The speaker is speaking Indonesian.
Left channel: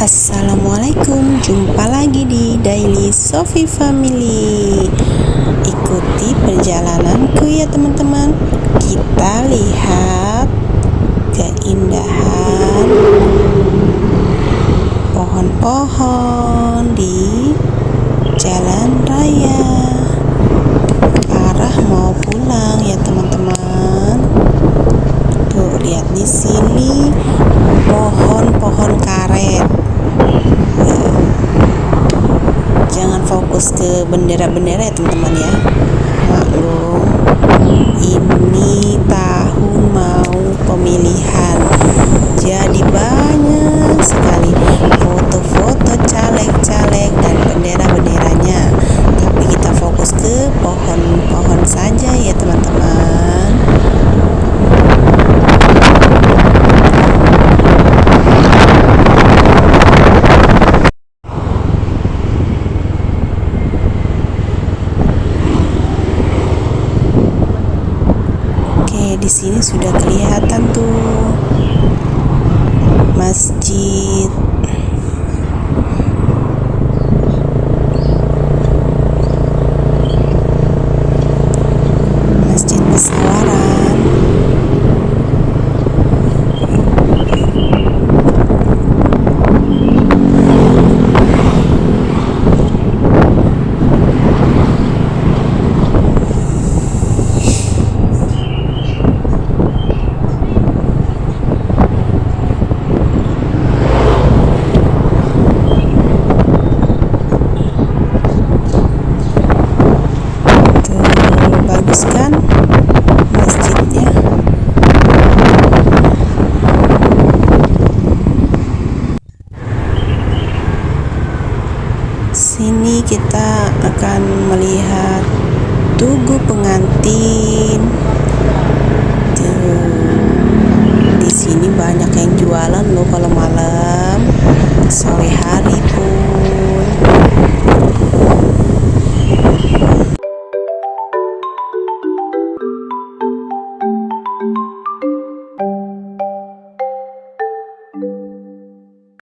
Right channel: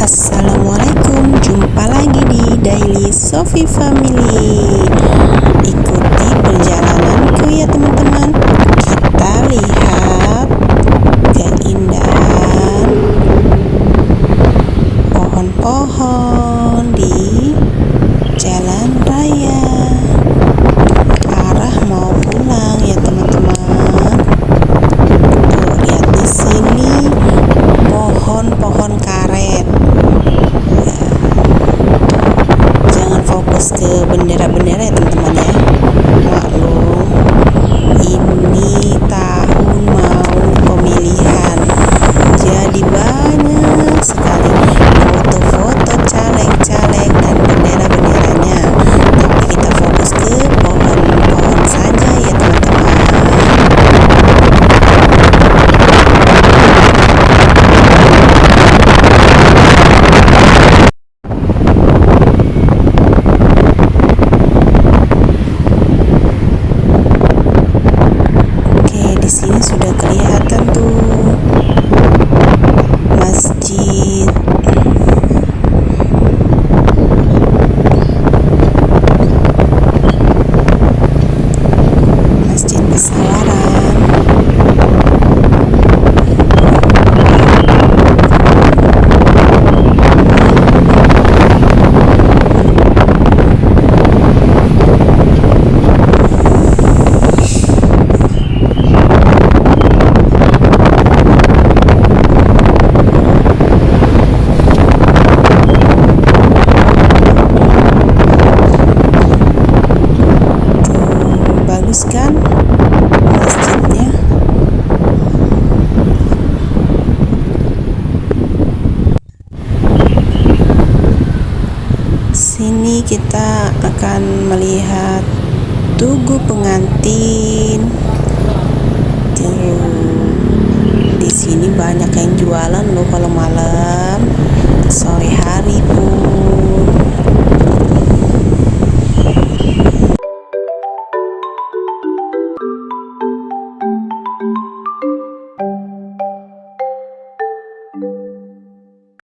Assalamualaikum, jumpa lagi di Daily Sofi Family. Ikuti perjalananku ya teman-teman. Kita lihat keindahan pohon-pohon di jalan raya. Arah mau pulang ya teman-teman. Tuh, lihat di sini pohon-pohon karet. Jangan fokus ke bendera-bendera ya teman-teman ya. Maklum, ini tahun mau pemilihan, jadi banyak sekali foto-foto caleg-caleg dan bendera-benderanya. Tapi kita fokus ke pohon-pohon saja ya teman-teman. Di sini sudah kelihatan tuh masjid. Masjid Pesawaran. Bagus kan masjidnya? Sini kita akan melihat tugu pengantin. Di sini banyak yang jualan loh kalau malam, sore hari pun.